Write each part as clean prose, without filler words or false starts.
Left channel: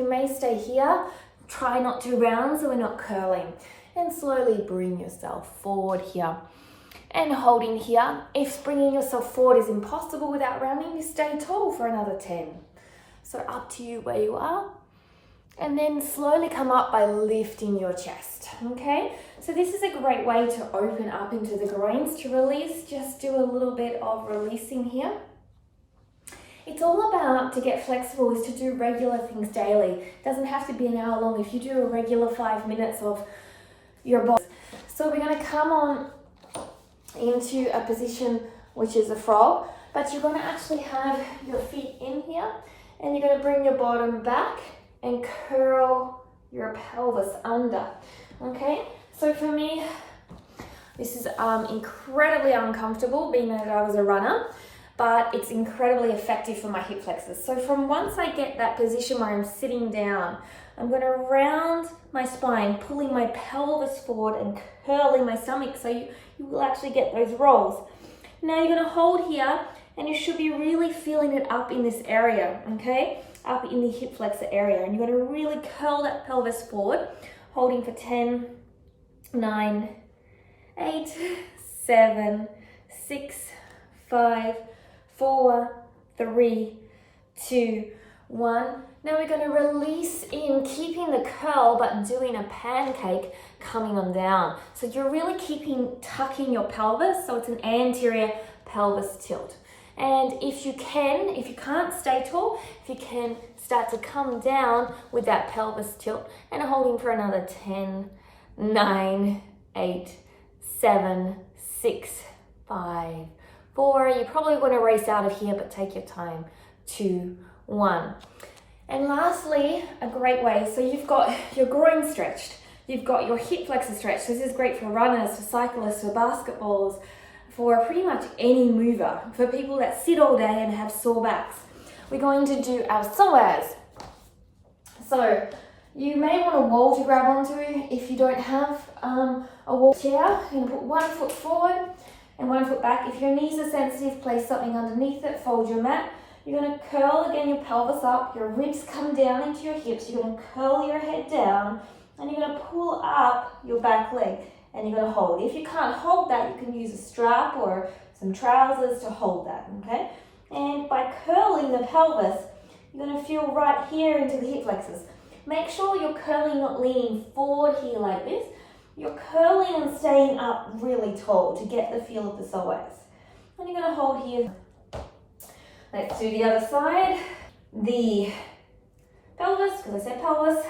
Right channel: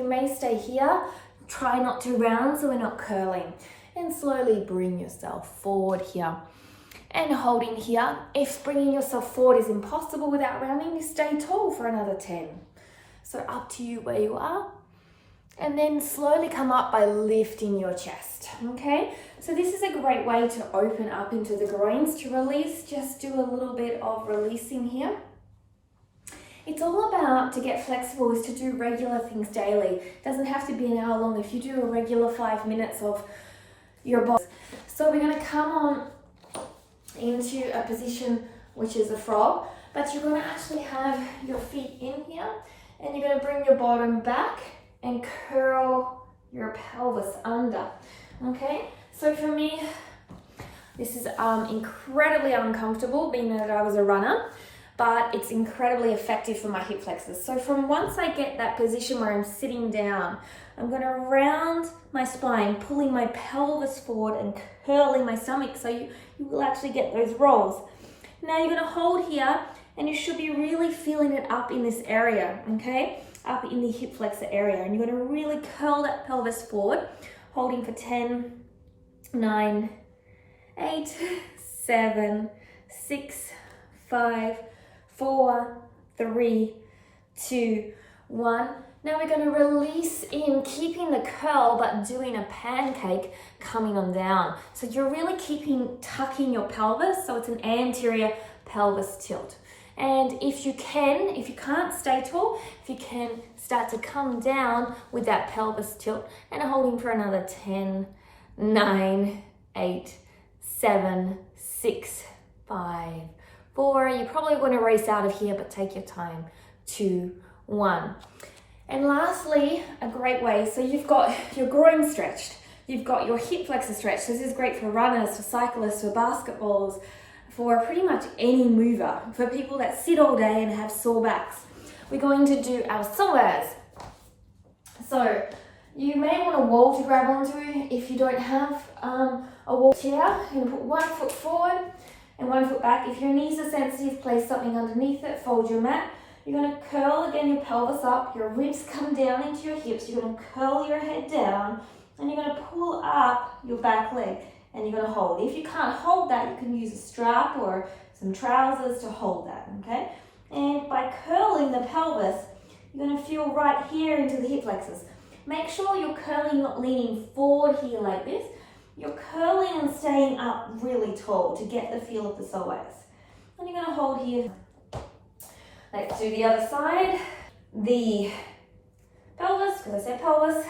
You may stay here, try not to round so we're not curling. And slowly bring yourself forward here. And holding here. If bringing yourself forward is impossible without rounding, you stay tall for another 10. So up to you where you are. And then slowly come up by lifting your chest, okay? So this is a great way to open up into the groins. To release, just do a little bit of releasing here. It's all about, to get flexible, is to do regular things daily. It doesn't have to be an hour long. If you do a regular 5 minutes of your body. So we're going to come on into a position which is a frog, but you're going to actually have your feet in here, and you're going to bring your bottom back and curl your pelvis under, okay? So for me, this is incredibly uncomfortable, being that I was a runner, but it's incredibly effective for my hip flexors. So from once I get that position where I'm sitting down, I'm going to round my spine, pulling my pelvis forward and curling my stomach, so you will actually get those rolls. Now you're going to hold here, and you should be really feeling it up in this area, okay? Up in the hip flexor area, and you're going to really curl that pelvis forward, holding for 10, 9, 8, 7, 6, 5, 4, 3, 2, 1. Now we're going to release in, keeping the curl but doing a pancake coming on down. So you're really tucking your pelvis, so it's an anterior pelvis tilt. And if you can't stay tall, if you can start to come down with that pelvis tilt and holding for another 10, 9, 8, 7, 6, 5, 4. You're probably going to race out of here, but take your time. 2, 1. And lastly, a great way, so you've got your groin stretched, you've got your hip flexor stretched. This is great for runners, for cyclists, for basketballs, for pretty much any mover, for people that sit all day and have sore backs. We're going to do our psoas. So you may want a wall to grab onto if you don't have a wall chair. You're going to put 1 foot forward and 1 foot back. If your knees are sensitive, place something underneath it, fold your mat. You're going to curl again your pelvis up, your ribs come down into your hips, you're going to curl your head down, and you're going to pull up your back leg, and you're going to hold. If you can't hold that, you can use a strap or some trousers to hold that, okay? And by curling the pelvis, you're going to feel right here into the hip flexors. Make sure you're curling, not leaning forward here like this. You're curling and staying up really tall to get the feel of the psoas. And you're going to hold here. Let's do the other side. The pelvis, because I said pelvis.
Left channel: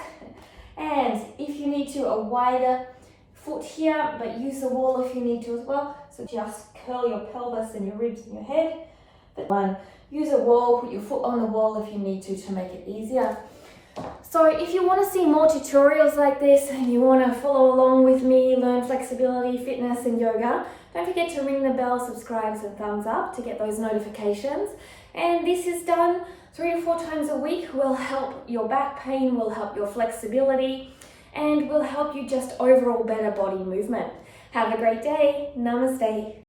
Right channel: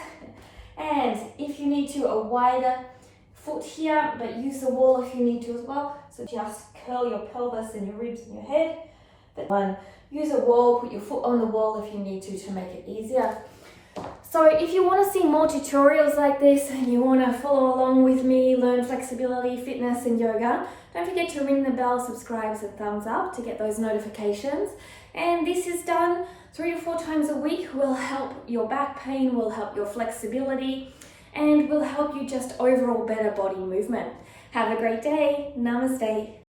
And if you need to, a wider foot here, but use the wall if you need to as well. So just curl your pelvis and your ribs and your head. But use a wall, put your foot on the wall if you need to make it easier. So if you want to see more tutorials like this and you want to follow along with me, learn flexibility, fitness and yoga, don't forget to ring the bell, subscribe and thumbs up to get those notifications. And this is done 3 to 4 times a week. Will help your back pain, will help your flexibility, and will help you just overall better body movement. Have a great day. Namaste.